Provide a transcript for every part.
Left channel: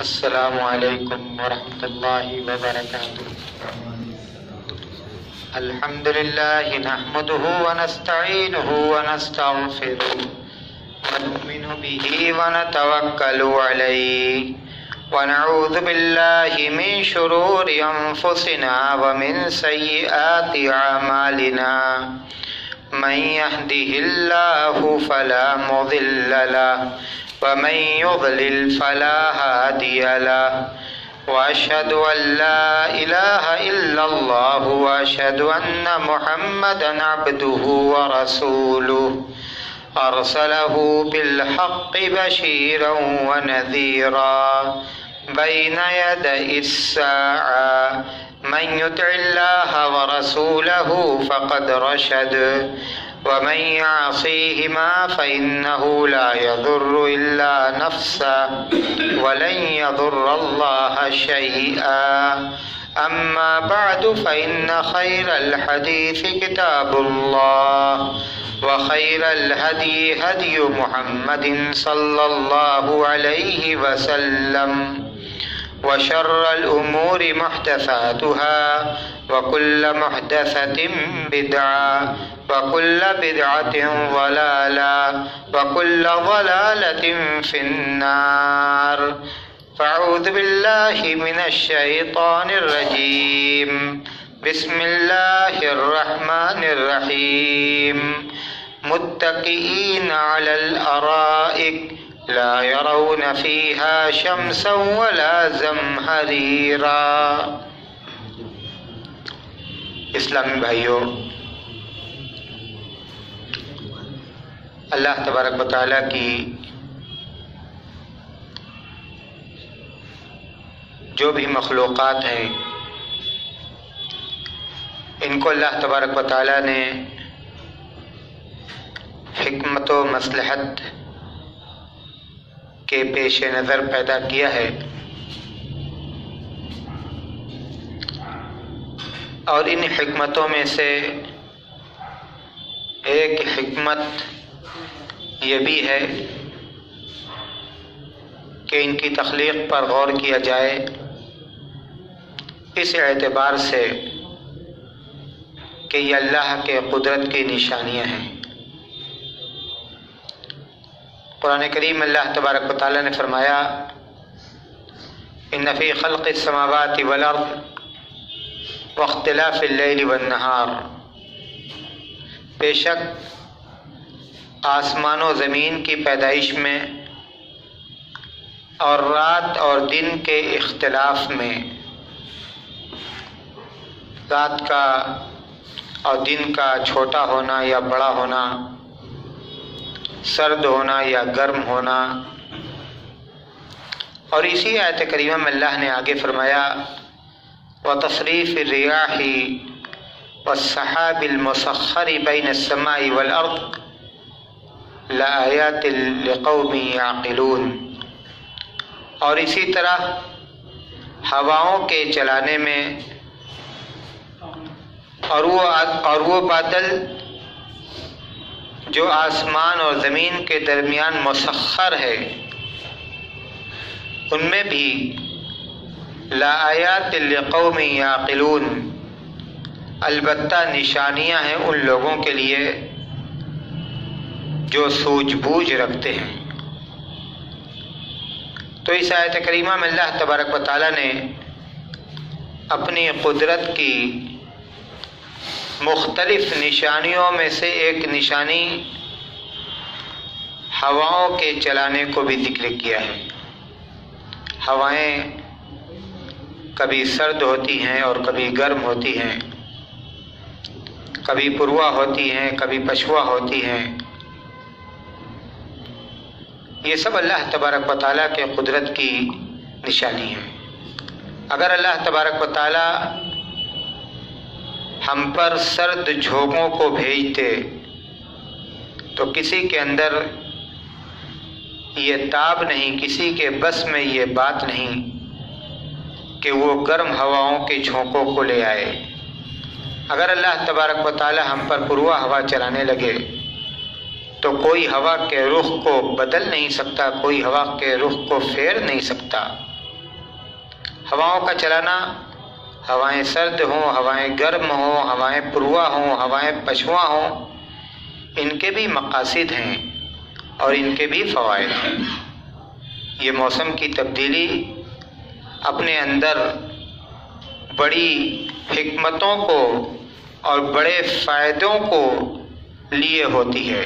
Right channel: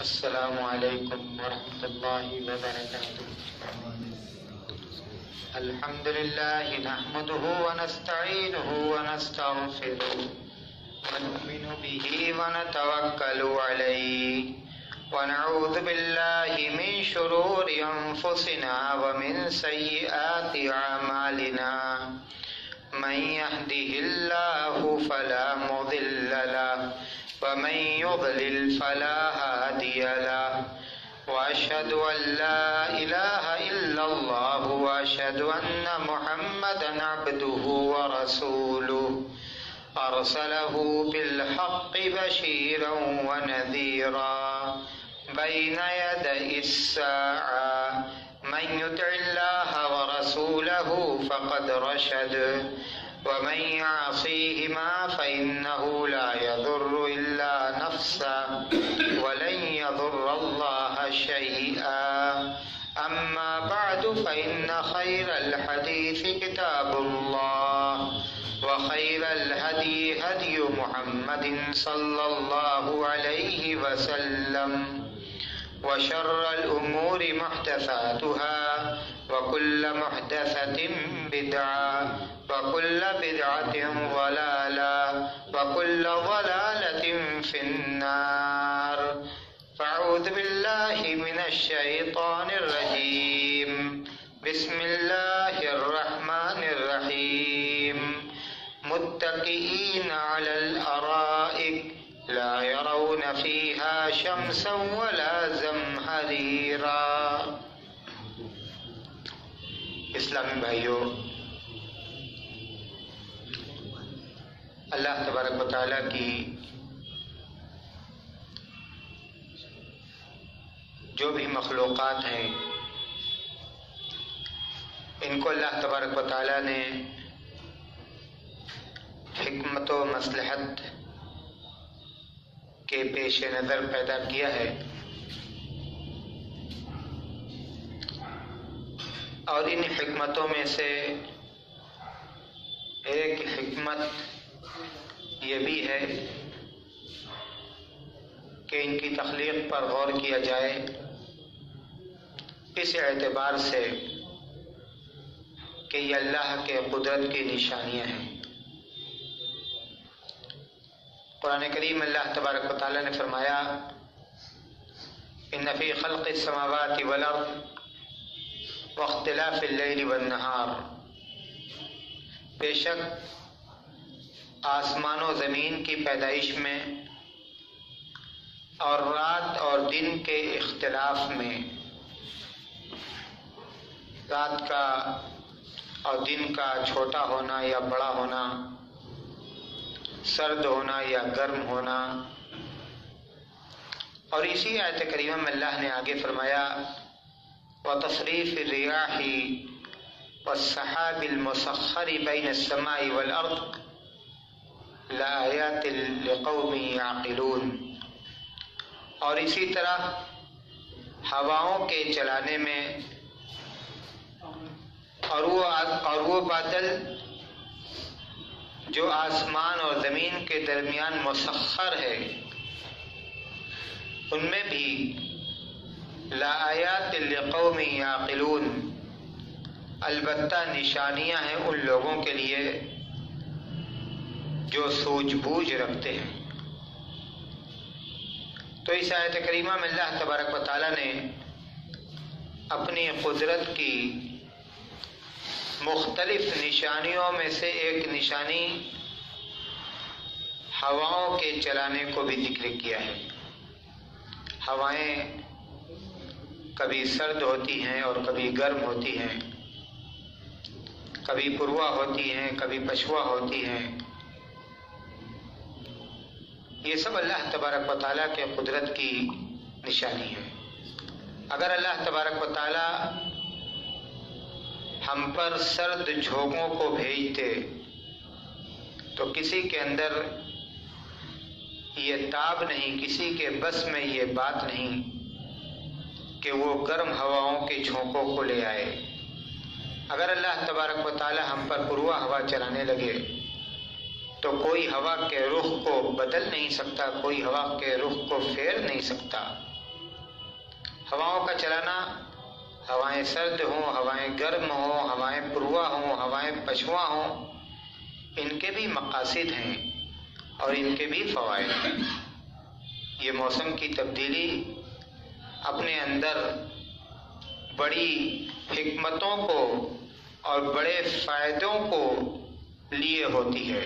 السلام علیکم ورحمۃ اللہ وبرکاتہ. الحمد للہ نحمده ونستعینه ونستغفره ونؤمن به ونتوکل علیہ ونعوذ باللہ من شرور انفسنا ومن سیئات اعمالنا من يهده الله فلا مضل له ومن يضلل فلا هادي له وأشهد أن لا إله إلا الله وأشهد أن محمدا عبده ورسوله أرسله بالحق بشيرا ونذيرا بين يدي الساعة من يطع الله ورسوله فقد رشد ومن يعصيهما فإنه لا يضر إلا نفسه ولن يضر الله شيئا. أما بعد فإن خير الحديث كتاب الله وخير الهدي هدي محمد صلى الله عليه وسلم وشر الأمور محدثاتها وكل محدثة بدعة وكل بدعة ضلالة وكل ضلالة في النار. فأعوذ بالله من الشيطان الرجيم. بسم الله الرحمن الرحيم. متكئين على الأرائك لا يرون فيها شمسا ولا زمهريرا. اسلامی بھائیوں، اللہ تبارک و تعالیٰ کی جو بھی مخلوقات ہیں ان کو اللہ تبارک و تعالیٰ نے حکمت و مصلحت کے پیش نظر پیدا کیا ہے، اور ان حکمتوں میں سے ایک حکمت یہ بھی ہے کہ ان کی تخلیق پر غور کیا جائے اس اعتبار سے کہ یہ اللہ کے قدرت کی نشانیاں ہیں. قرآن کریم اللہ تبارک و تعالیٰ نے فرمایا ان فی خلق السماوات والارض واختلاف اللیل والنہار، بے شک آسمان و زمین کی پیدائش میں اور رات اور دن کے اختلاف میں، رات کا اور دن کا چھوٹا ہونا یا بڑا ہونا، سرد ہونا یا گرم ہونا. اور اسی آیت کریمہ میں اللہ نے آگے فرمایا وَتَصْرِيفِ الرِّيَاحِ وَالسَّحَابِ الْمُسَخَّرِ بَيْنَ السَّمَاءِ وَالْأَرْضِ لَآيَاتٍ لِقَوْمٍ يَعْقِلُونَ. اور اسی طرح ہواؤں کے چلانے میں اور وہ بادل جو آسمان اور زمین کے درمیان مسخر ہے ان میں بھی لآیات لقوم یعقلون، البتہ نشانیاں ہیں ان لوگوں کے لیے جو سوجھ بوجھ رکھتے ہیں. تو اس آیت کریمہ میں اللہ تبارک و تعالیٰ نے اپنی قدرت کی مختلف نشانیوں میں سے ایک نشانی ہواؤں کے چلانے کو بھی ذکر کیا ہے. ہوائیں کبھی سرد ہوتی ہیں اور کبھی گرم ہوتی ہیں، کبھی پروا ہوتی ہیں کبھی پچھوا ہوتی ہیں. یہ سب اللہ تبارک و تعالیٰ کے قدرت کی نشانی ہے. اگر اللہ تبارک و تعالیٰ ہم پر سرد جھونکوں کو بھیجتے تو کسی کے اندر یہ تاب نہیں، کسی کے بس میں یہ بات نہیں کہ وہ گرم ہواؤں کے جھونکوں کو لے آئے. اگر اللہ تبارک و تعالی ہم پر پروا ہوا چلانے لگے تو کوئی ہوا کے رخ کو بدل نہیں سکتا، کوئی ہوا کے رخ کو پھیر نہیں سکتا. ہواؤں کا چلانا، ہوائیں سرد ہوں، ہوائیں گرم ہوں، ہوائیں پروا ہوں، ہوائیں پچھواں ہوں، ان کے بھی مقاصد ہیں اور ان کے بھی فوائد ہیں۔ یہ موسم کی تبدیلی اپنے اندر بڑی حکمتوں کو اور بڑے فائدوں کو لیے ہوتی ہے،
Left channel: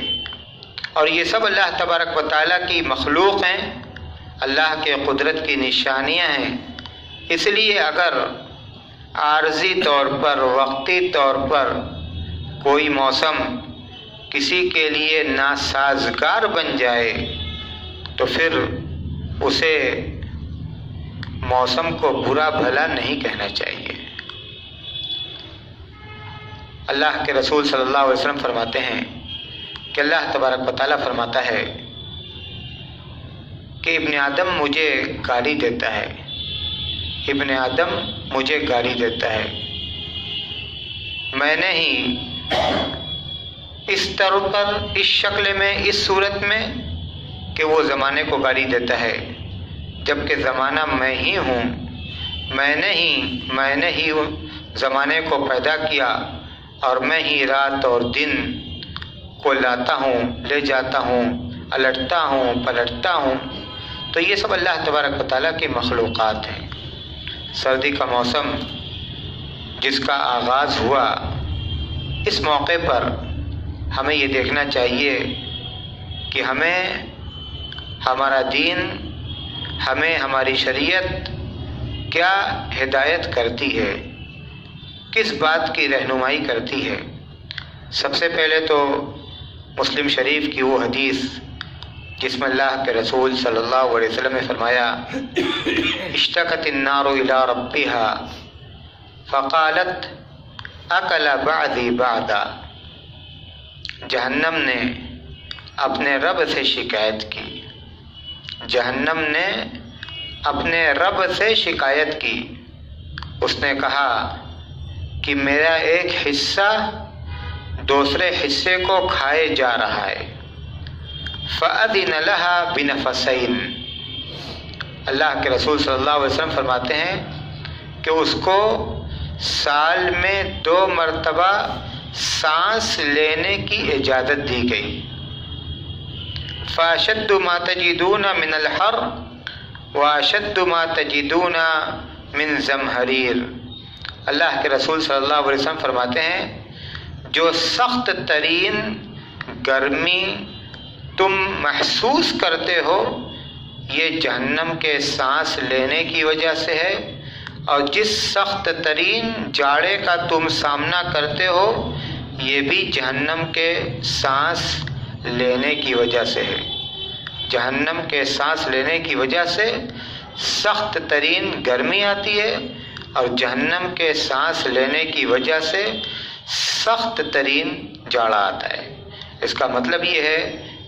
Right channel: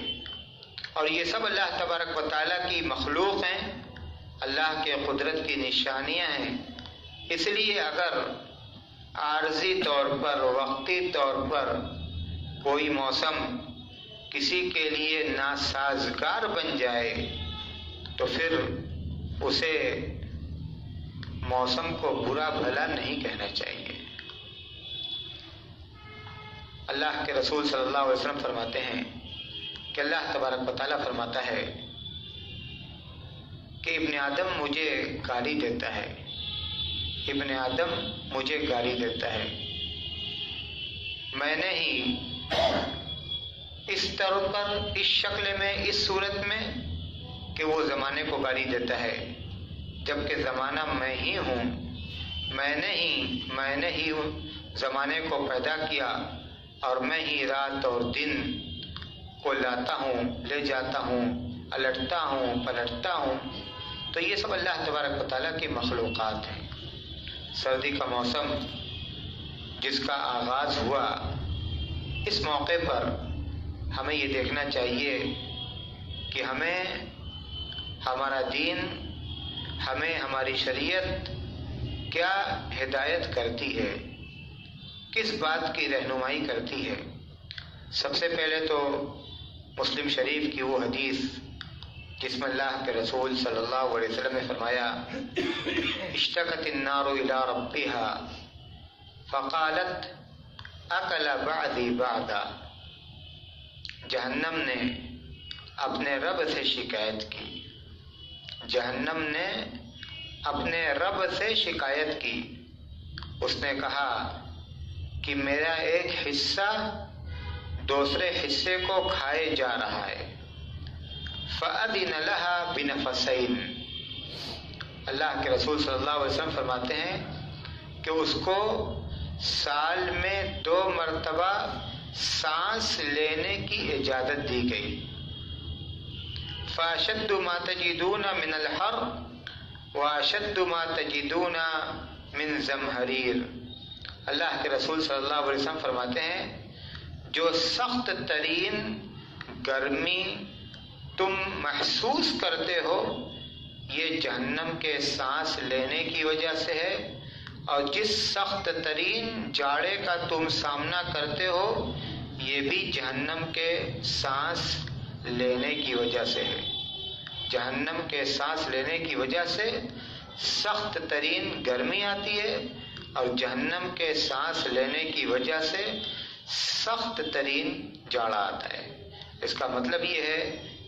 اور یہ سب اللہ تبارک و تعالیٰ کی مخلوق ہیں، اللہ کے قدرت کی نشانیاں ہیں۔ اس لیے اگر عارضی طور پر، وقتی طور پر کوئی موسم کسی کے لیے ناسازگار بن جائے تو پھر اسے موسم کو برا بھلا نہیں کہنا چاہیے۔ اللہ کے رسول صلی اللہ علیہ وسلم فرماتے ہیں کہ اللہ تبارک و تعالیٰ فرماتا ہے کہ ابن آدم مجھے گالی دیتا ہے، ابن آدم مجھے گالی دیتا ہے، میں نے ہی اس طرح پر، اس شکل میں، اس صورت میں کہ وہ زمانے کو گالی دیتا ہے، جبکہ زمانہ میں ہی ہوں، میں نے ہی زمانے کو پیدا کیا، اور میں ہی رات اور دن کو لاتا ہوں، لے جاتا ہوں، الٹتا ہوں، پلٹتا ہوں۔ تو یہ سب اللہ تبارک و تعالیٰ کی مخلوقات ہیں۔ سردی کا موسم جس کا آغاز ہوا، اس موقع پر ہمیں یہ دیکھنا چاہیے کہ ہمیں ہمارا دین، ہمیں ہماری شریعت کیا ہدایت کرتی ہے، کس بات کی رہنمائی کرتی ہے۔ سب سے پہلے تو مسلم شریف کی وہ حدیث جس میں اللہ کے رسول صلی اللہ علیہ وسلم نے فرمایا، اشتکت النار الی ربها فقالت اکل بعدی بعدا، جہنم نے اپنے رب سے شکایت کی، جہنم نے اپنے رب سے شکایت کی، اس نے کہا کہ میرا ایک حصہ دوسرے حصے کو کھائے جا رہا ہے۔ فَأَذِنَ لَهَا بِنَفَسَيْن، اللہ کے رسول صلی اللہ علیہ وسلم فرماتے ہیں کہ اس کو سال میں 2 مرتبہ سانس لینے کی اجازت دی گئی۔ فَأَشَدُّ مَا تَجِدُونَ مِنَ الْحَرِّ وَأَشَدُّ مَا تَجِدُونَ مِنْ زَمْهَرِيرٍ، اللہ کے رسول صلی اللہ علیہ وسلم فرماتے ہیں جو سخت ترین گرمی تم محسوس کرتے ہو یہ جہنم کے سانس لینے کی وجہ سے ہے، اور جس سخت ترین جاڑے کا تم سامنا کرتے ہو یہ بھی جہنم کے سانس لینے کی وجہ سے ہے۔ جہنم کے سانس لینے کی وجہ سے سخت ترین گرمی آتی ہے، اور جہنم کے سانس لینے کی وجہ سے سخت ترین جاڑا آتا ہے۔ اس کا مطلب یہ ہے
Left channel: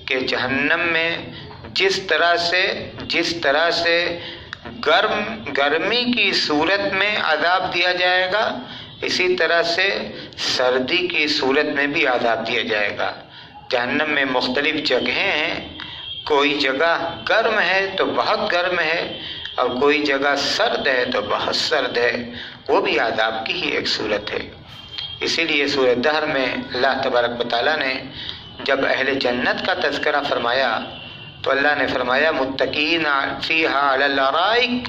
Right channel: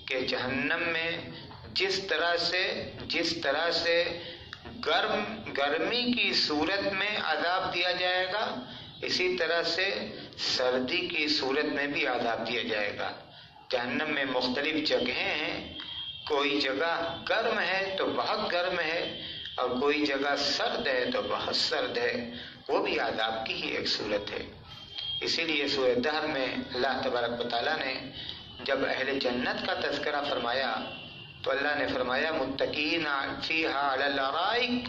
کہ جہنم میں جس طرح سے گرمی کی صورت میں عذاب دیا جائے گا، اسی طرح سے سردی کی صورت میں بھی عذاب دیا جائے گا۔ جہنم میں مختلف جگہیں ہیں، کوئی جگہ گرم ہے تو بہت گرم ہے، اور کوئی جگہ سرد ہے تو بہت سرد ہے، وہ بھی عذاب کی ہی ایک صورت ہے۔ اسی لیے سورہ دہر میں اللہ تبارک و تعالیٰ نے جب اہل جنت کا تذکرہ فرمایا تو اللہ نے فرمایا متکئین فیہا علی الارائک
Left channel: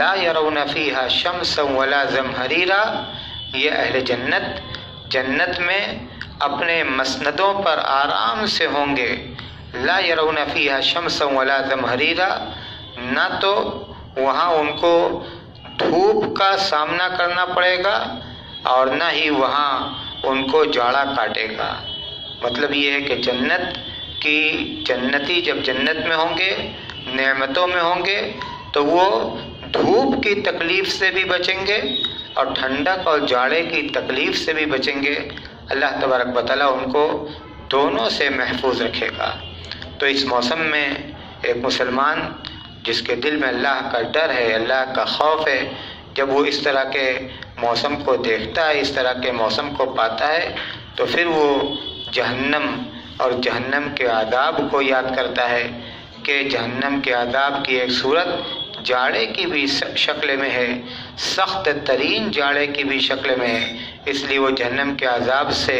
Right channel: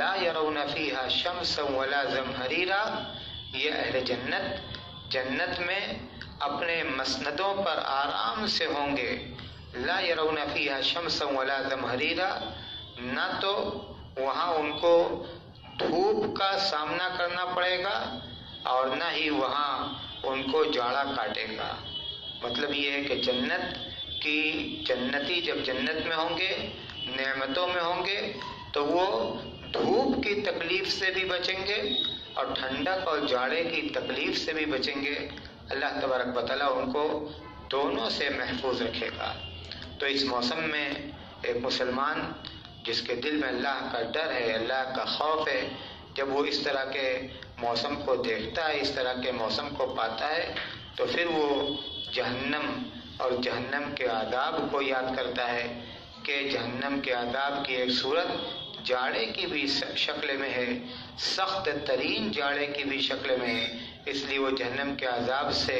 لا یرون فیہا شمسا ولا زمہریرا، یہ اہل جنت میں اپنے مسندوں پر آرام سے ہوں گے۔ لا یرون فیہا شمسا ولا زمہریرا، نہ تو وہاں ان کو دھوپ کا سامنا کرنا پڑے گا اور نہ ہی وہاں ان کو جاڑا کاٹے گا۔ مطلب یہ ہے کہ جنتی جب جنت میں ہوں گے، نعمتوں میں ہوں گے، تو وہ دھوپ کی تکلیف سے بھی بچیں گے اور ٹھنڈک اور جاڑے کی تکلیف سے بھی بچیں گے۔ اللہ تبارک و تعالیٰ ان کو دونوں سے محفوظ رکھے گا۔ تو اس موسم میں ایک مسلمان جس کے دل میں اللہ کا ڈر ہے، اللہ کا خوف ہے، جب وہ اس طرح کے موسم کو دیکھتا ہے، اس طرح کے موسم کو پاتا ہے، تو پھر وہ جہنم اور جہنم کے عذاب کو یاد کرتا ہے کہ جہنم کے عذاب کی ایک صورت جاڑے کی بھی شکل میں ہے، سخت ترین جاڑے کی بھی شکل میں ہے، اس لیے وہ جہنم کے عذاب سے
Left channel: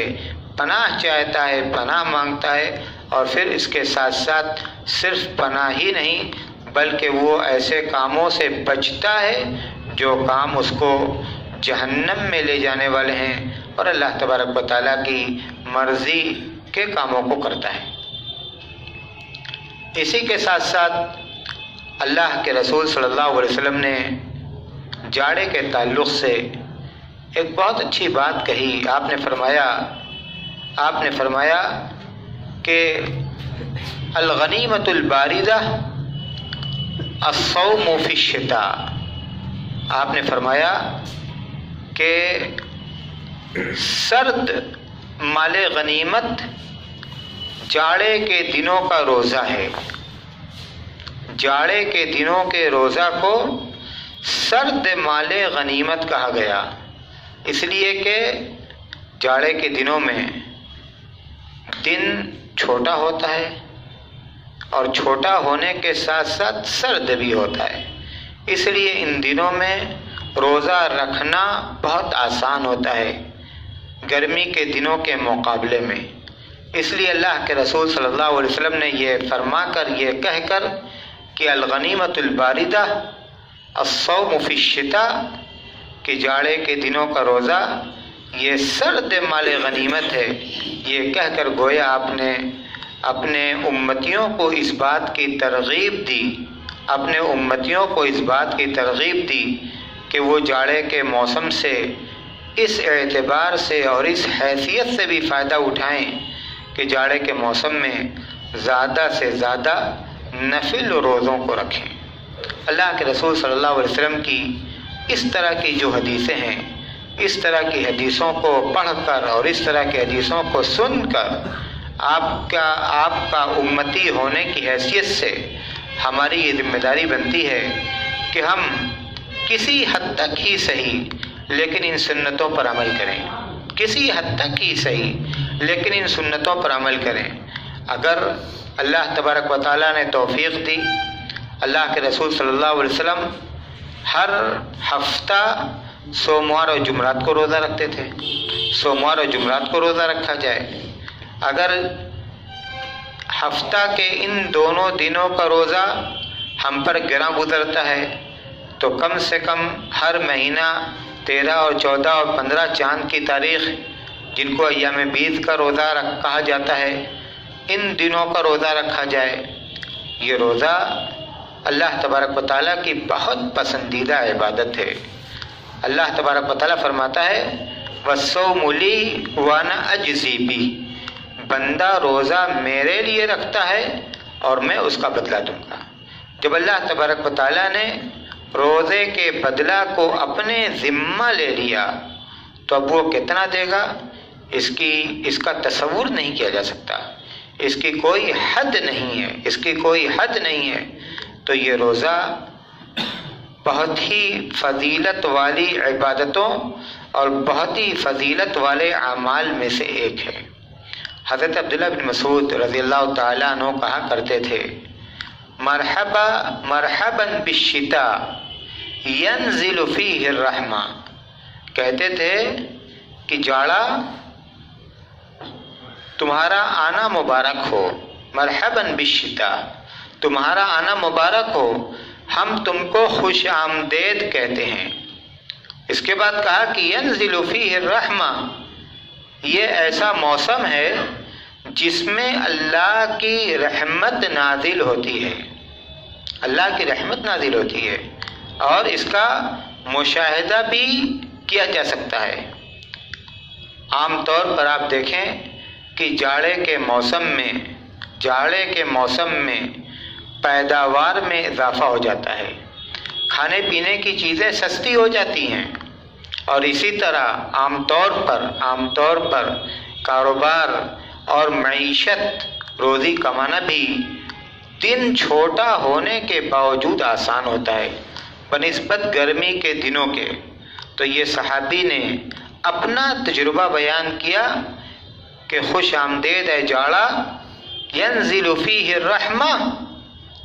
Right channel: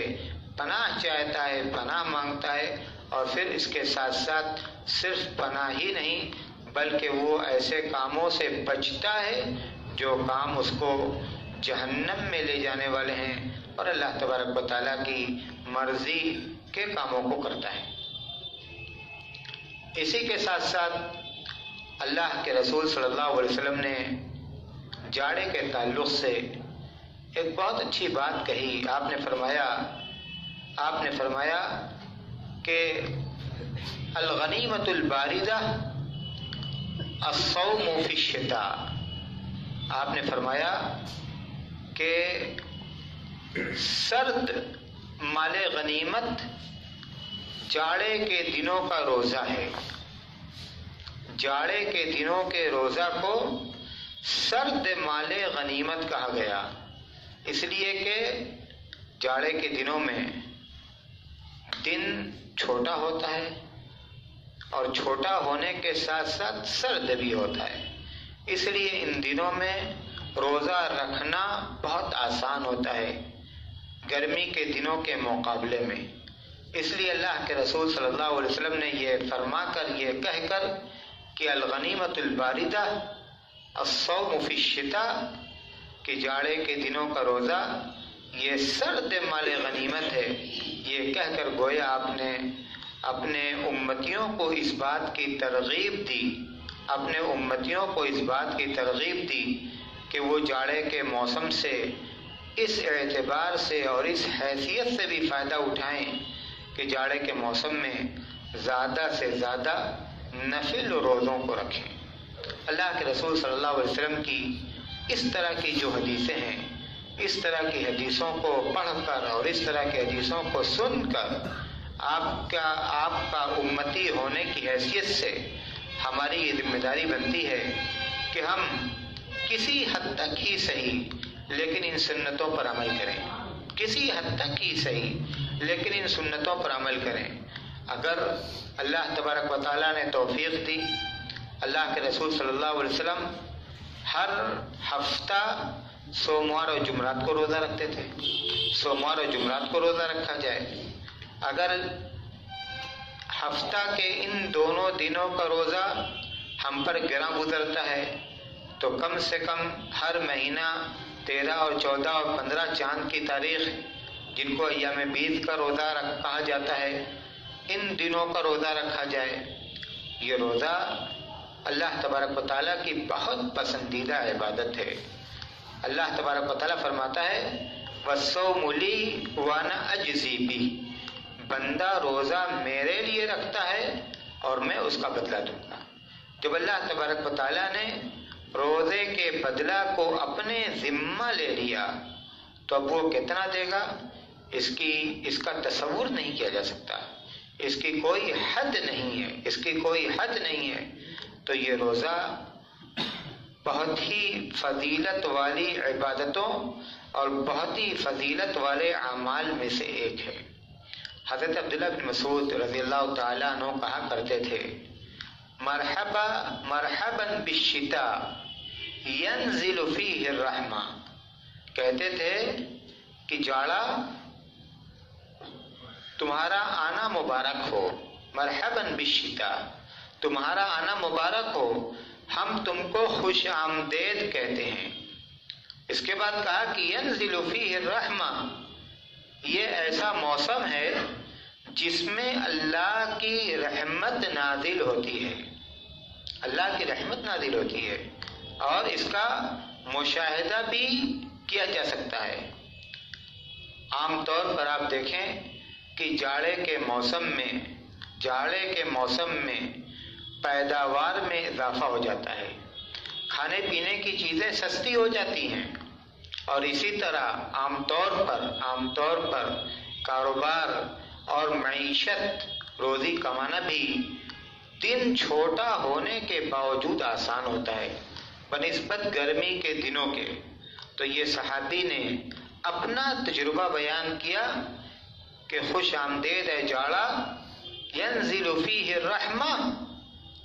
پناہ چاہتا ہے، پناہ مانگتا ہے، اور پھر اس کے ساتھ ساتھ صرف پناہ ہی نہیں بلکہ وہ ایسے کاموں سے بچتا ہے جو کام اس کو جہنم میں لے جانے والے ہیں، اور اللہ تبارک و تعالیٰ کی مرضی کے کاموں کو کرتا ہے۔ اسی کے ساتھ ساتھ اللہ کے رسول صلی اللہ علیہ وسلم نے جاڑے کے تعلق سے ایک بہت اچھی بات کہی۔ آپ نے فرمایا کہ الغنیمۃ الباردہ الصوم فی الشتاء۔ آپ نے فرمایا کہ سرد مال غنیمت جاڑے کے دنوں کا روزہ ہے۔ جاڑے کے دنوں کے روزہ کو سرد مال غنیمت کہا گیا، اس لیے کہ جاڑے کے دنوں میں دن چھوٹا ہوتا ہے اور چھوٹا ہونے کے ساتھ ساتھ سرد بھی ہوتا ہے، اس لیے ان دنوں میں روزہ رکھنا بہت آسان ہوتا ہے گرمی کے دنوں کے مقابلے میں۔ اس لیے اللہ کے رسول صلی اللہ علیہ وسلم نے یہ فرما کر، یہ کہہ کر کہ الغنیمۃ الباردہ الصوم فی الشتاء، کہ جاڑے کے دنوں کا روزہ یہ سرد مال غنیمت ہے، یہ کہہ کر گویا آپ نے اپنے امتیوں کو اس بات کی ترغیب دی، اپنے امتیوں کو اس بات کی ترغیب دی کہ وہ جاڑے کے موسم سے اس اعتبار سے اور اس حیثیت سے بھی فائدہ اٹھائیں کہ جاڑے کے موسم میں زیادہ سے زیادہ نفل روزوں کو رکھیں۔ اللہ کے رسول صلی اللہ علیہ وسلم کی اس طرح کی جو حدیثیں ہیں، اس طرح کی حدیثوں کو پڑھ کر اور اس طرح کی حدیثوں کو سن کر آپ کا امتی ہونے کی حیثیت سے ہماری یہ ذمہ داری بنتی ہے کہ ہم کسی حد تک ہی صحیح لیکن ان سنتوں پر عمل کریں، کسی حد تک ہی صحیح لیکن ان سنتوں پر عمل کریں۔ اگر اللہ تبارک و تعالیٰ نے توفیق دی، اللہ کے رسول صلی اللہ علیہ وسلم ہر ہفتہ سوموار اور جمعرات کو روزہ رکھتے تھے، سوموار اور جمعرات کو روزہ رکھا جائے۔ اگر ہفتہ کے ان دونوں دنوں کا روزہ ہم پر گراں گزرتا ہے تو کم سے کم ہر مہینہ 13 اور 14 اور 15 چاند کی تاریخ، جن کو ایام بیض کا روزہ کہا جاتا ہے، ان دنوں کا روزہ رکھا جائے۔ یہ روزہ اللہ تبارک و تعالیٰ کی بہت پسندیدہ عبادت ہے۔ اللہ تبارک و تعالیٰ فرماتا ہے وَالصَّوْمُ لِي وَأَنَا أَجْزِي بِهِ، بندہ روزہ میرے لیے رکھتا ہے اور میں اس کا بدلہ دوں گا۔ جب اللہ تبارک و تعالیٰ نے روزے کے بدلہ کو اپنے ذمہ لے لیا تو اب وہ کتنا دے گا اس کا تصور نہیں کیا جا سکتا، اس کی کوئی حد نہیں ہے، اس کی کوئی حد نہیں ہے۔ تو یہ روزہ بہت ہی فضیلت والی عبادتوں اور بہت ہی فضیلت والے اعمال میں سے ایک ہے۔ حضرت عبداللہ بن مسعود رضی اللہ تعالیٰ عنہ کہا کرتے تھے مرحبا مرحبا بالشتاء ینزل فیہ الرحمہ، کہتے تھے کہ جاڑا تمہارا آنا مبارک ہو، مرحبا بالشتاء، تمہارا آنا مبارک ہو، ہم تم کو خوش آمدید کہتے ہیں۔ اس کے بعد کہا کہ ینزل فیہ الرحمہ، یہ ایسا موسم ہے جس میں اللہ کی رحمت نازل ہوتی ہے، اللہ کی رحمت نازل ہوتی ہے، اور اس کا مشاہدہ بھی کیا جا سکتا ہے۔ عام طور پر آپ دیکھیں کہ جاڑے کے موسم میں پیداوار میں اضافہ ہو جاتا ہے، کھانے پینے کی چیزیں سستی ہو جاتی ہیں، اور اسی طرح عام طور پر کاروبار اور معیشت، روزی کمانا بھی دن چھوٹا ہونے کے باوجود آسان ہوتا ہے بنسبت گرمی کے دنوں کے۔ تو یہ صحابی نے اپنا تجربہ بیان کیا کہ خوش آمدید ہے جاڑا، ینزل فیہ الرحمہ،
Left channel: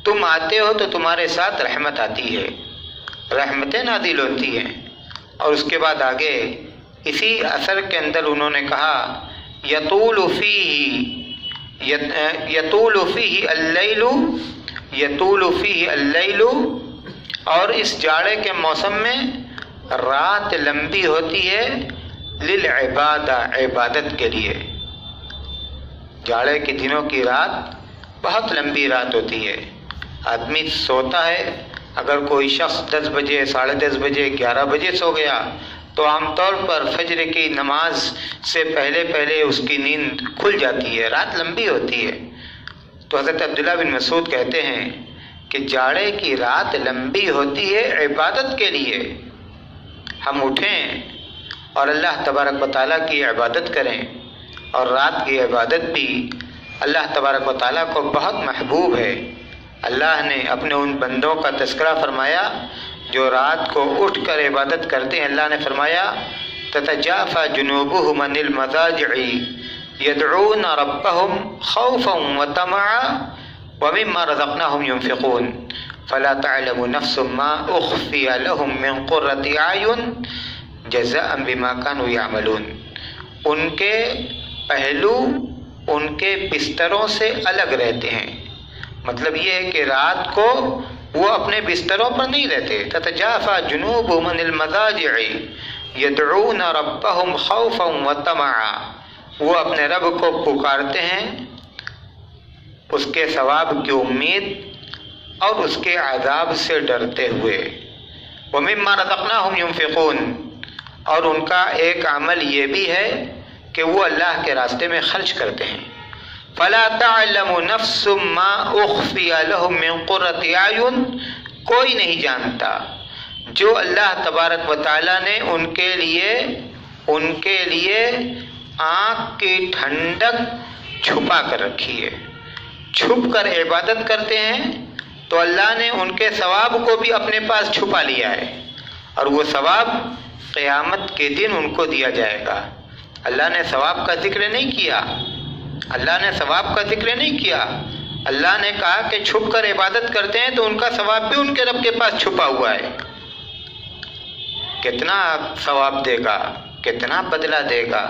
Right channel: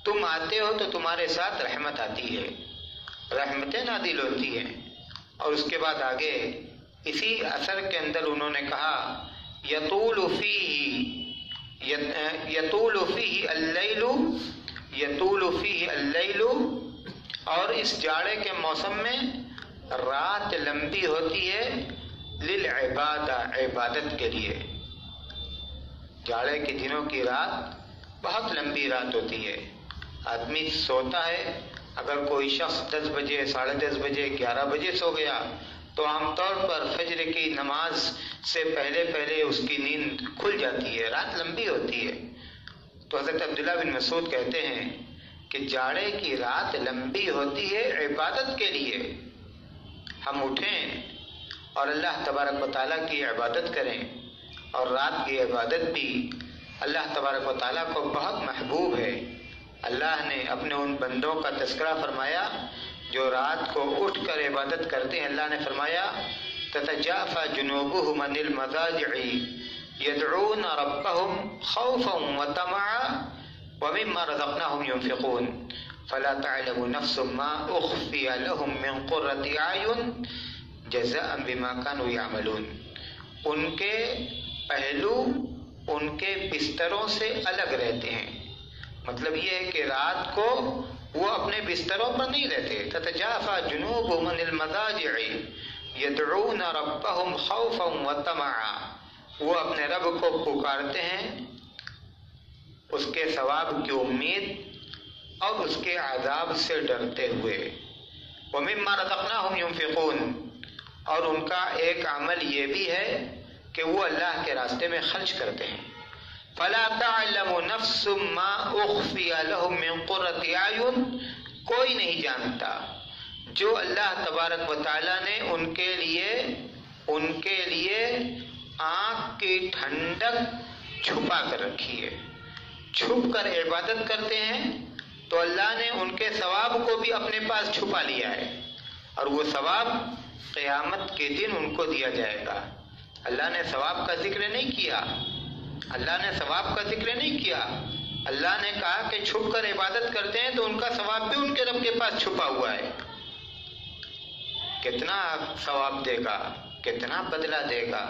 تم آتے ہو تو تمہارے ساتھ رحمت آتی ہے، رحمتیں نازل ہوتی ہیں۔ اور اس کے بعد آگے اسی اثر کے اندر انہوں نے کہا یطول فیہ اللیل، اور اس جاڑے کے موسم میں رات لمبی ہوتی ہے، للعبادہ، عبادت کے لیے۔ جاڑے کے دنوں کی رات بہت لمبی رات ہوتی ہے، آدمی سوتا ہے، اگر کوئی شخص 10 بجے، 10:30 بجے، 11 بجے سو گیا تو عام طور پر فجر کی نماز سے پہلے اس کی نیند کھل جاتی ہے، رات لمبی ہوتی ہے۔ تو حضرت عبداللہ بن مسعود کہتے ہیں کہ جاڑے کی رات لمبی ہوتی ہے عبادت کے لیے، ہم اٹھیں اور اللہ تبارک و تعالیٰ کی عبادت کریں، اور رات کی عبادت بھی اللہ تبارک و تعالیٰ کو بہت محبوب ہے۔ اللہ نے اپنے ان بندوں کا تذکرہ فرمایا جو رات کو اٹھ کر عبادت کرتے ہیں۔ اللہ نے فرمایا تتجافى جنوبهم عن المضاجع يدعون ربهم خوفا وطمعا ومما رزقناهم ينفقون فلا تعلم نفس ما اخفي لهم من قرة اعين جزاء بما كانوا يعملون۔ ان کے پہلو ان کے بستروں سے الگ رہتے ہیں، مطلب یہ ہے کہ رات کو وہ اپنے بستروں پر نہیں رہتے۔ تتجافى جنوبهم عن المضاجع يدعون ربهم خوفا وطمعا، وہ اپنے رب کو پکارتے ہیں اس کے ثواب کی امید اور اس کے عذاب سے ڈرتے ہوئے۔ ومما رزقناهم ينفقون، اور ان کا ایک عمل یہ بھی ہے کہ وہ اللہ کے راستے میں خرچ کرتے ہیں۔ فلا تعلم نفس ما اخفی لهم من قرۃ اعین، کوئی نہیں جانتا جو اللہ تبارک و تعالیٰ نے ان کے لیے آنکھ کی ٹھنڈک چھپا کر رکھی ہے۔ چھپ کر عبادت کرتے ہیں تو اللہ نے ان کے ثواب کو بھی اپنے پاس چھپا لیا ہے، اور وہ ثواب قیامت کے دن ان کو دیا جائے گا۔ اللہ نے ثواب کا ذکر نہیں کیا، اللہ نے ثواب کا ذکر نہیں کیا، اللہ نے کہا کہ چھپ کر عبادت کرتے ہیں تو ان کا ثواب بھی ان کے رب کے پاس چھپا ہوا ہے۔ کتنا ثواب دے گا، کتنا بدلہ دے گا،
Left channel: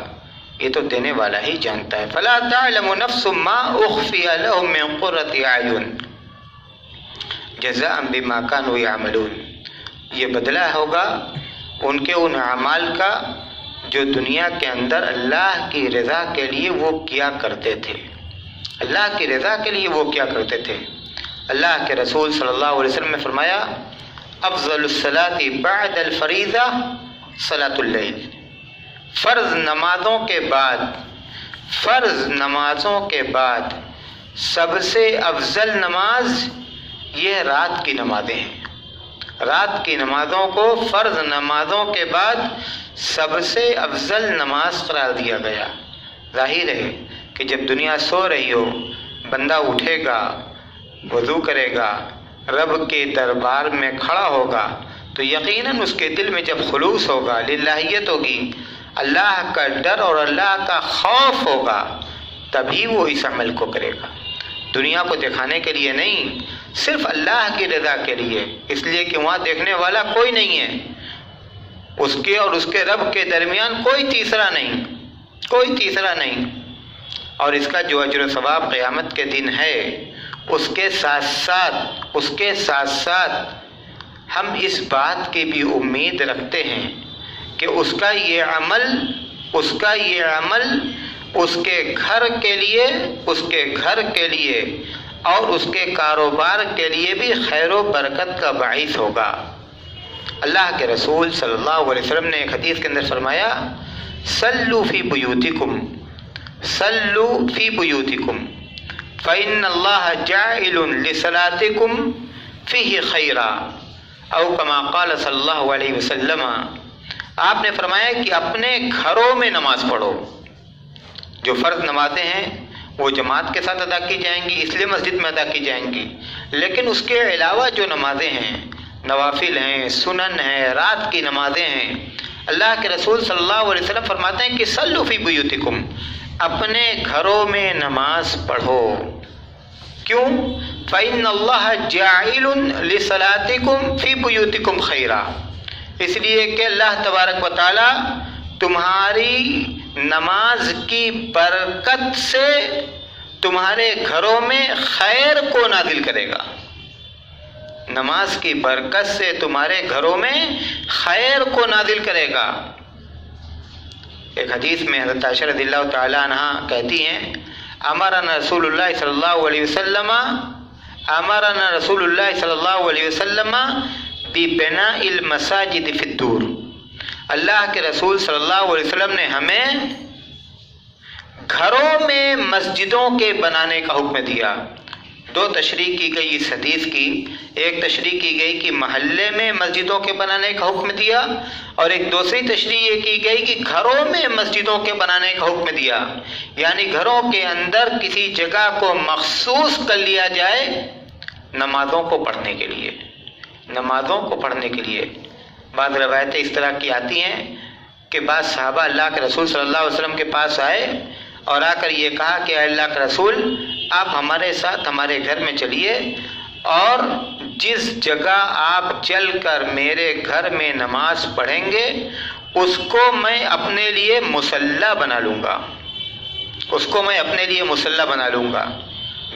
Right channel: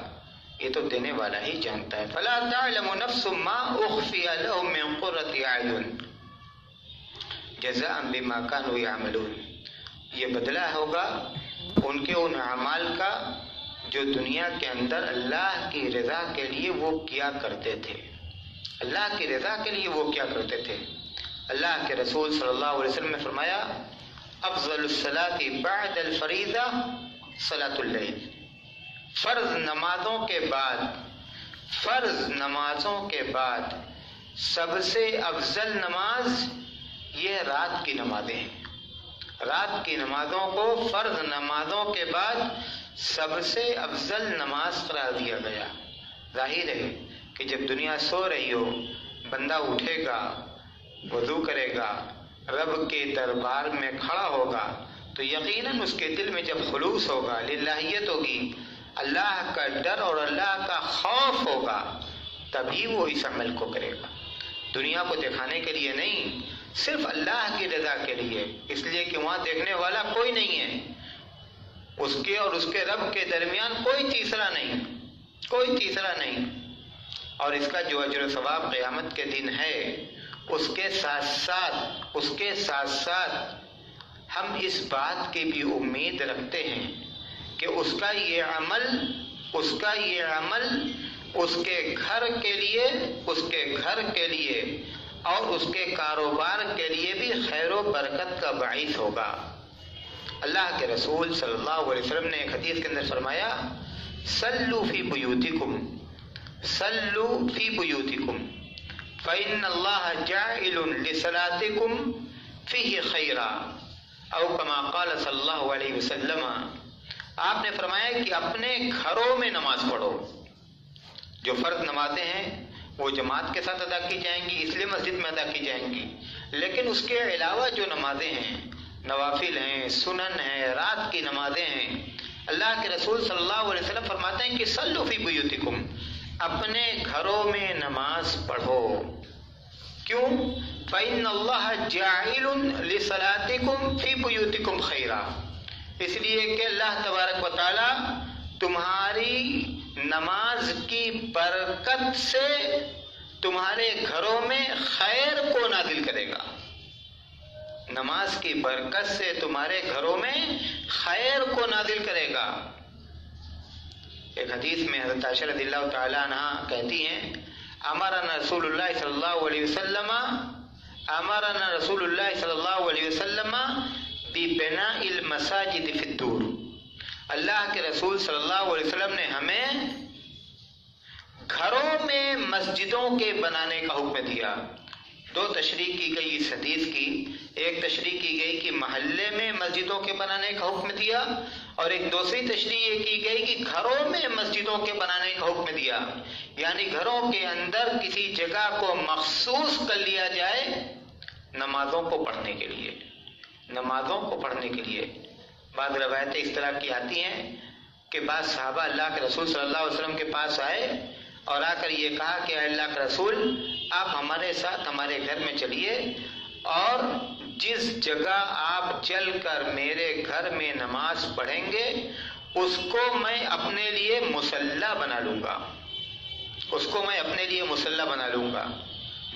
یہ تو دینے والا ہی جانتا ہے۔ فلا تعلم نفس ما اخفی لهم من قرۃ اعین جزاء بما كانوا يعملون، یہ بدلہ ہوگا ان کے ان اعمال کا جو دنیا کے اندر اللہ کی رضا کے لیے وہ کیا کرتے تھے، اللہ کی رضا کے لیے وہ کیا کرتے تھے۔ اللہ کے رسول صلی اللہ علیہ وسلم نے فرمایا افضل الصلاۃ بعد الفریضہ صلاۃ اللیل، فرض نمازوں کے بعد سب سے افضل نماز یہ رات کی نمازیں ہیں۔ رات کی نمازوں کو فرض نمازوں کے بعد سب سے افضل نماز قرار دیا گیا۔ ظاہر ہے کہ جب دنیا سو رہی ہو، بندہ اٹھے گا، وضو کرے گا، رب کے دربار میں کھڑا ہوگا تو یقیناً اس کے دل میں جب خلوص ہوگا، للہیت ہوگی، اللہ کا ڈر اور اللہ کا خوف ہوگا، تبھی وہ اس عمل کو کرے گا۔ دنیا کو دکھانے کے لیے نہیں، صرف اللہ کی رضا کے لیے، اس لیے کہ وہاں دیکھنے والا کوئی نہیں ہے، اس کے اور اس کے رب کے درمیان کوئی تیسرا نہیں، اور اس کا جو اجر و ثواب قیامت کے دن ہے، اس کے ساتھ ساتھ ہم اس بات کی بھی امید رکھتے ہیں کہ اس کا یہ عمل اس کے گھر کے لیے اور اس کے کاروبار کے لیے بھی خیر و برکت کا باعث ہوگا۔ اللہ کے رسول صلی اللہ علیہ وسلم نے ایک حدیث کے اندر فرمایا صلوا فی بیوتکم فإن اللہ جاعل لصلاتکم فیہ خیرا، او کما قال صلی اللہ علیہ وسلم، آپ نے فرمایا کہ اپنے گھروں میں نماز پڑھو۔ جو فرض نمازیں ہیں وہ جماعت کے ساتھ ادا کی جائیں گی، اس لیے مسجد میں ادا کی جائیں گی، لیکن اس کے علاوہ جو نمازیں ہیں، نوافل ہیں، سنن ہیں، رات کی نمازیں ہیں، اللہ کے رسول صلی اللہ علیہ وسلم فرماتے ہیں کہ صلوا فی بیوتکم، اپنے گھروں میں نماز پڑھو۔ کیوں؟ فإن اللہ جاعل لصلاتکم فی بیوتکم خیرا، اس لیے کہ اللہ تبارک و تعالی تمہاری نماز کی برکت سے تمہارے گھروں میں خیر کو نازل کرے گا، نماز کی برکت سے تمہارے گھروں میں خیر کو نازل کرے گا۔ ایک حدیث میں حضرت عائشہ رضی اللہ تعالی عنہ کہتی ہیں امرنا رسول اللہ صلی اللہ علیہ وسلم امرنا رسول اللہ صلی اللہ علیہ وسلم ببناء المساجد فی الدور، اللہ کے رسول صلی اللہ علیہ وسلم نے ہمیں گھروں میں مسجدوں کے بنانے کا حکم دیا۔ دو تشریح کی گئی اس حدیث کی، ایک تشریح کی گئی کہ محلے میں مسجدوں کے بنانے کا حکم دیا، اور ایک دوسری تشریح یہ کی گئی کہ گھروں میں مسجدوں کے بنانے کا حکم دیا، یعنی گھروں کے اندر کسی جگہ کو مخصوص کر لیا جائے نمازوں کو پڑھنے کے لیے، نمازوں کو پڑھنے کے لیے۔ بعض روایتیں اس طرح کی آتی ہیں کہ بعض صحابہ اللہ کے رسول صلی اللہ علیہ وسلم کے پاس آئے اور آ کر یہ کہا کہ اے اللہ کے رسول آپ ہمارے ساتھ ہمارے گھر میں چلیے، اور جس جگہ آپ چل کر میرے گھر میں نماز پڑھیں گے اس کو میں اپنے لیے مصلی بنا لوں گا، اس کو میں اپنے لیے مصلی بنا لوں گا۔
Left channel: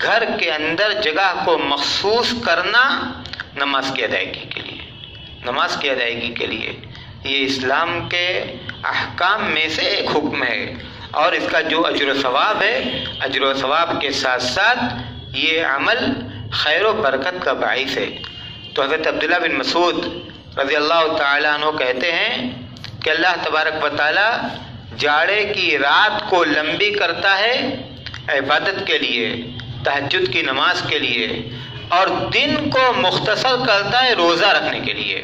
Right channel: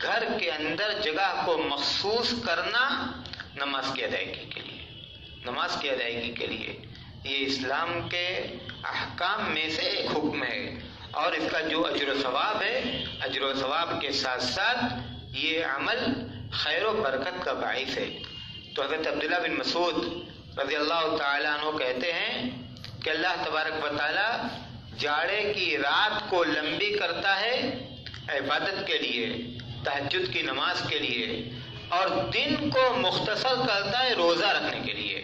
گھر کے اندر جگہ کو مخصوص کرنا نماز کی ادائیگی کے لیے، نماز کی ادائیگی کے لیے، یہ اسلام کے احکام میں سے ایک حکم ہے، اور اس کا جو اجر و ثواب ہے، اجر و ثواب کے ساتھ ساتھ یہ عمل خیر و برکت کا باعث ہے۔ تو حضرت عبداللہ بن مسعود رضی اللہ تعالیٰ عنہ کہتے ہیں کہ اللہ تبارک و تعالیٰ جاڑے کی رات کو لمبی کرتا ہے عبادت کے لیے، تہجد کی نماز کے لیے، اور دن کو مختصر کرتا ہے روزہ رکھنے کے لیے،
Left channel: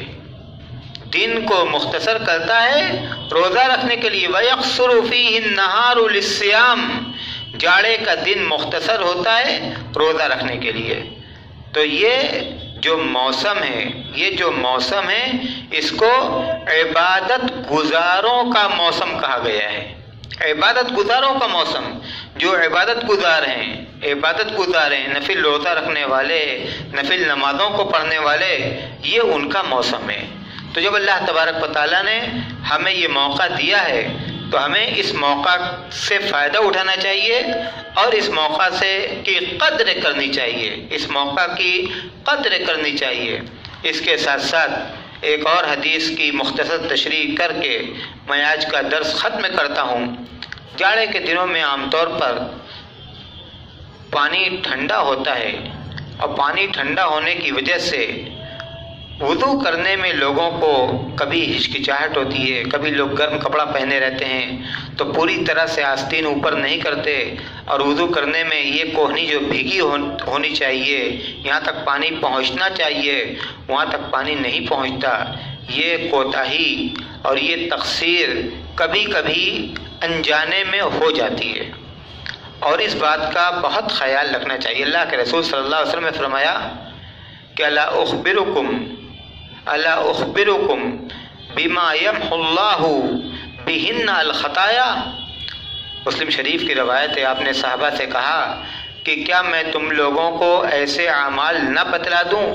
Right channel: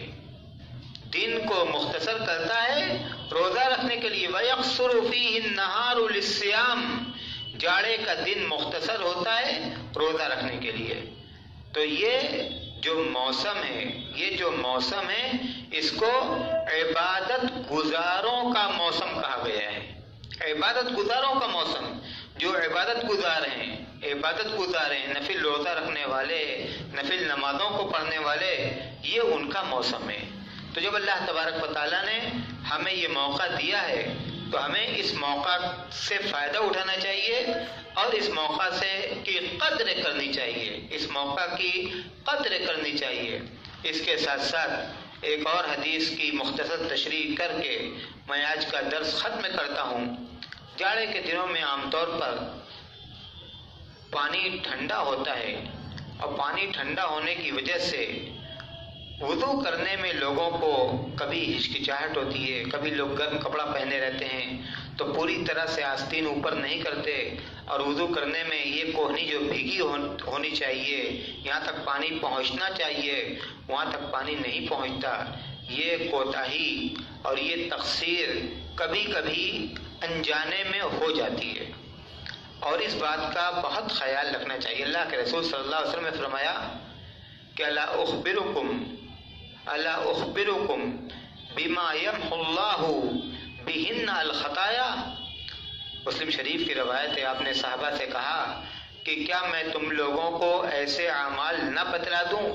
دن کو مختصر کرتا ہے روزہ رکھنے کے لیے۔ وَيَقْصُرُ فِيهِ النَّهَارُ لِلصِّيَامِ، جاڑے کا دن مختصر ہوتا ہے روزہ رکھنے کے لیے۔ تو یہ جو موسم ہے، یہ جو موسم ہے اس کو عبادت گزاروں کا موسم کہا گیا ہے، عبادت گزاروں کا موسم۔ جو عبادت گزار ہیں، عبادت گزار ہیں، نفل روزہ رکھنے والے، نفل نمازوں کو پڑھنے والے، یہ ان کا موسم ہے۔ تو جب اللہ تبارک و تعالیٰ نے ہمیں یہ موقع دیا ہے تو ہمیں اس موقع سے فائدہ اٹھانا چاہیے، اور اس موقع سے کی قدر کرنی چاہیے، اس موقع کی قدر کرنی چاہیے۔ اس کے ساتھ ساتھ ایک اور حدیث کی مختصر تشریح کر کے میں آج کا درس ختم کرتا ہوں۔ جاڑے کے دنوں میں عام طور پر پانی ٹھنڈا ہوتا ہے، اور پانی ٹھنڈا ہونے کی وجہ سے وضو کرنے میں لوگوں کو کبھی ہچکچاہٹ ہوتی ہے، کبھی لوگ گرم کپڑا پہنے رہتے ہیں تو پوری طرح سے آستین اوپر نہیں کرتے، اور وضو کرنے میں یہ کوہنی جو بھیگی ہونی چاہیے، یہاں تک پانی پہنچنا چاہیے، وہاں تک پانی نہیں پہنچتا۔ یہ کوتاہی اور یہ تقصیر کبھی کبھی انجانے میں ہو جاتی ہے، اور اس بات کا بہت خیال رکھنا چاہیے۔ اللہ کے رسول صلی اللہ علیہ وسلم نے فرمایا کہ الا اخبرکم بما یمحو اللہ بہن الخطایا۔ مسلم شریف کی روایت ہے، آپ نے صحابہ سے کہا کہ کیا میں تم لوگوں کو ایسے اعمال نہ بتلا دوں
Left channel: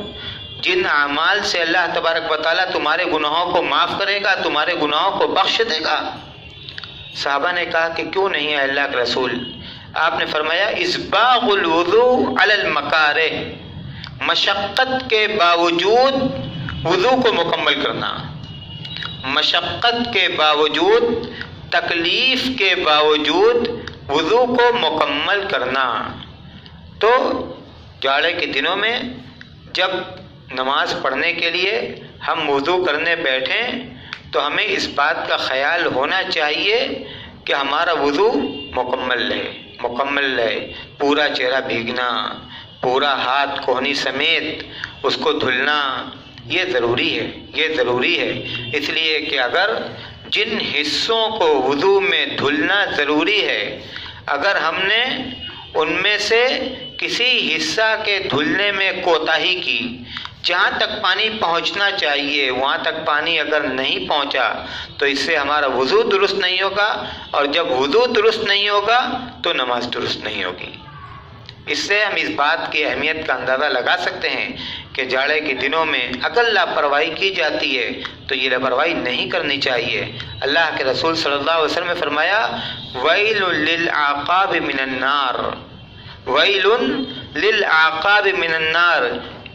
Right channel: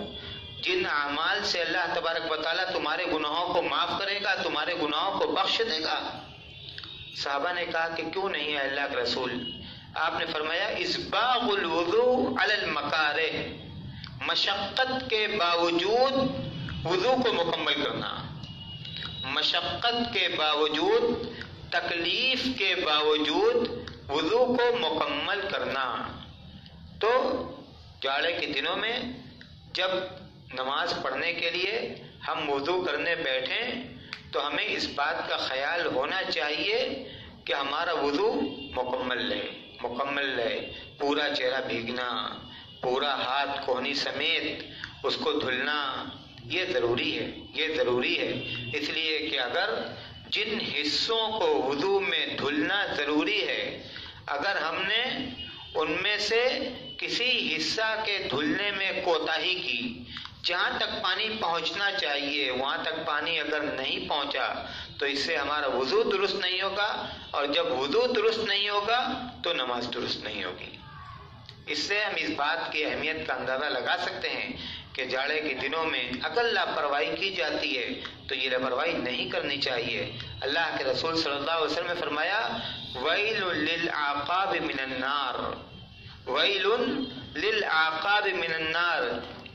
جن اعمال سے اللہ تبارک و تعالیٰ تمہارے گناہوں کو معاف کرے گا، تمہارے گناہوں کو بخش دے گا؟ صحابہ نے کہا کہ کیوں نہیں ہے اللہ کے رسول؟ آپ نے فرمایا اسباغ الوضوء علی المکارہ، مشقت کے باوجود وضو کو مکمل کرنا، مشقت کے باوجود، تکلیف کے باوجود وضو کو مکمل کرنا۔ تو جاڑے کے دنوں میں جب نماز پڑھنے کے لیے ہم وضو کرنے بیٹھیں تو ہمیں اس بات کا خیال ہونا چاہیے کہ ہمارا وضو مکمل رہے، پورا چہرہ بھیگنا، پورا ہاتھ کوہنی سمیت اس کو دھلنا، یہ ضروری ہے، یہ ضروری ہے۔ اس لیے کہ اگر جن حصوں کو وضو میں دھلنا ضروری ہے، اگر ہم نے ان میں سے کسی حصہ کے دھلنے میں کوتاہی کی، جہاں تک پانی پہنچنا چاہیے وہاں تک پانی اگر نہیں پہنچا تو اس سے ہمارا وضو درست نہیں ہوگا، اور جب وضو درست نہیں ہوگا تو نماز درست نہیں ہوگی۔ اس سے ہم اس بات کی اہمیت کا اندازہ لگا سکتے ہیں کہ جاڑے کے دنوں میں اگر لاپرواہی کی جاتی ہے تو یہ لاپرواہی نہیں کرنی چاہیے۔ اللہ کے رسول صلی اللہ علیہ وسلم نے فرمایا ویل للعقاب من النار، ویل للعقاب من النار،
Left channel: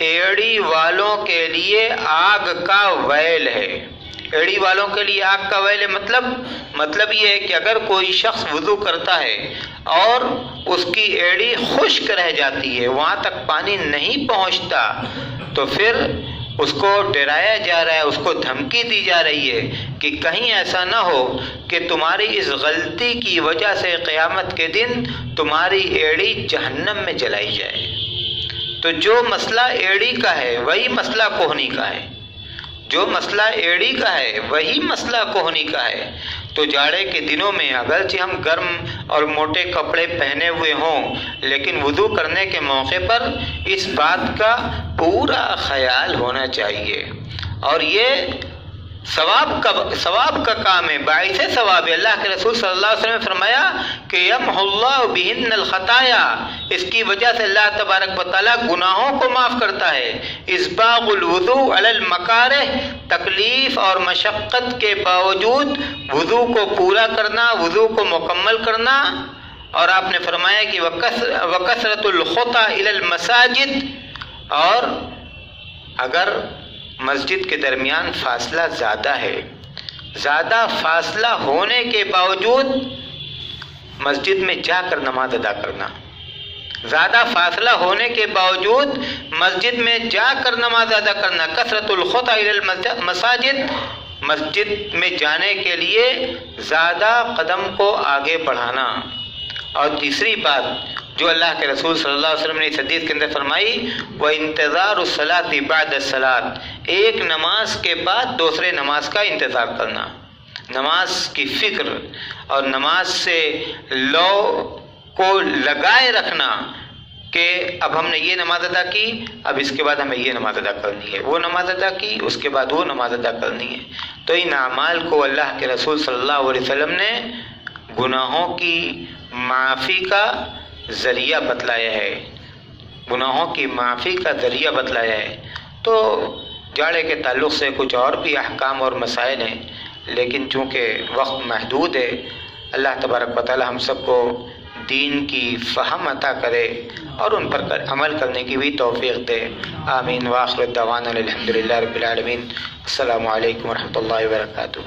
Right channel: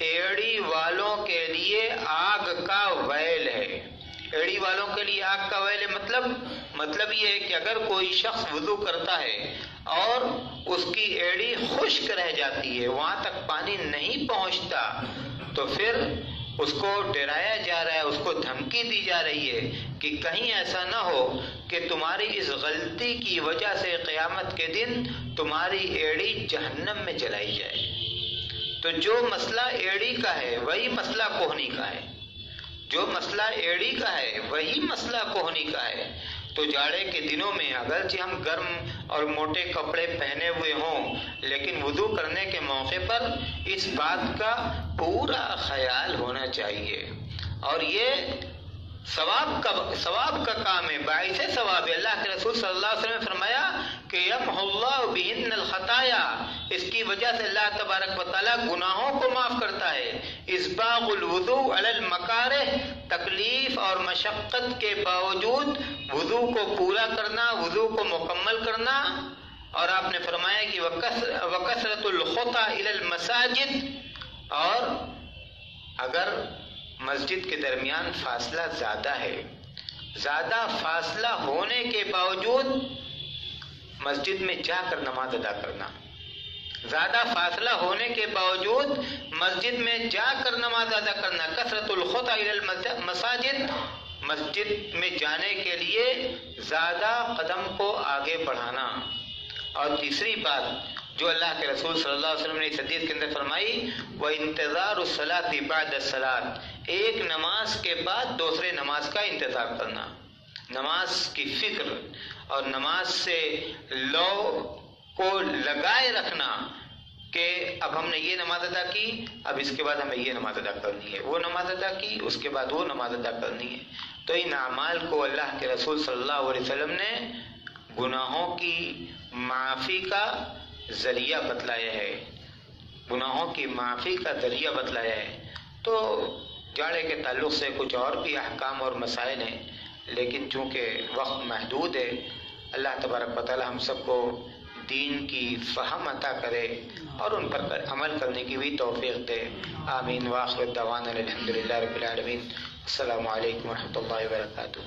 ایڑی والوں کے لیے آگ کا ویل ہے۔ ایڑی والوں کے لیے آگ کا ویل ہے مطلب یہ ہے کہ اگر کوئی شخص وضو کرتا ہے اور اس کی ایڑی خشک رہ جاتی ہے، وہاں تک پانی نہیں پہنچتا، تو پھر اس کو ڈرایا جا رہا ہے، اس کو دھمکی دی جا رہی ہے کہ کہیں ایسا نہ ہو کہ تمہاری اس غلطی کی وجہ سے قیامت کے دن تمہاری ایڑی جہنم میں جلائی جائے۔ تو جو مسئلہ ایڑی کا ہے وہی مسئلہ کوہنی کا ہے، جو مسئلہ ایڑی کا ہے وہی مسئلہ کوہنی کا ہے۔ تو جاڑے کے دنوں میں اگرچہ ہم گرم اور موٹے کپڑے پہنے ہوئے ہوں، لیکن وضو کرنے کے موقع پر اس بات کا پورا خیال ہونا چاہیے، اور یہ ثواب کا کام ہے، باعث ثواب ہے۔ اللہ کے رسول صلی اللہ علیہ وسلم نے فرمایا کہ یمحو اللہ بہن الخطایا، اس کی وجہ سے اللہ تبارک و تعالیٰ گناہوں کو معاف کرتا ہے۔ اسباغ الوضوء علی المکارہ، تکلیف اور مشقت کے باوجود وضو کو پورا کرنا، وضو کو مکمل کرنا، اور آپ نے فرمایا کہ وکثرت الخطا الی المساجد، اور اگر مسجد کے درمیان فاصلہ زیادہ ہے، زیادہ فاصلہ ہونے کے باوجود مسجد میں جا کر نماز ادا کرنا، زیادہ فاصلہ ہونے کے باوجود مسجد میں جا کر نماز ادا کرنا، کثرت الخطا الی المساجد، مسجد میں جانے کے لیے زیادہ قدم کو آگے بڑھانا۔ اور تیسری بات جو اللہ کے رسول صلی اللہ علیہ وسلم نے اس حدیث کے اندر فرمائی، وَانتظار الصلاۃ بعد الصلاۃ، ایک نماز کے بعد دوسرے نماز کا انتظار کرنا، نماز کی فکر اور نماز سے لو کو لگائے رکھنا کہ اب ہم نے یہ نماز ادا کی، اب اس کے بعد ہمیں یہ نماز ادا کرنی ہے، وہ نماز ادا کی، اس کے بعد وہ نماز ادا کرنی ہے۔ تو ان اعمال کو اللہ کے رسول صلی اللہ علیہ وسلم نے گناہوں کی معافی کا ذریعہ بتلایا ہے، گناہوں کی معافی کا ذریعہ بتلایا ہے۔ تو جاڑے کے تعلق سے کچھ اور بھی احکام اور مسائل ہیں، لیکن چونکہ وقت محدود ہے، اللہ تبارک و تعالی ہم سب کو دین کی فہم عطا کرے اور ان پر عمل کرنے کی بھی توفیق دے، آمین۔ وآخر دعوانا الحمدللہ رب العالمین۔ السلام علیکم ورحمۃ اللہ وبرکاتہ۔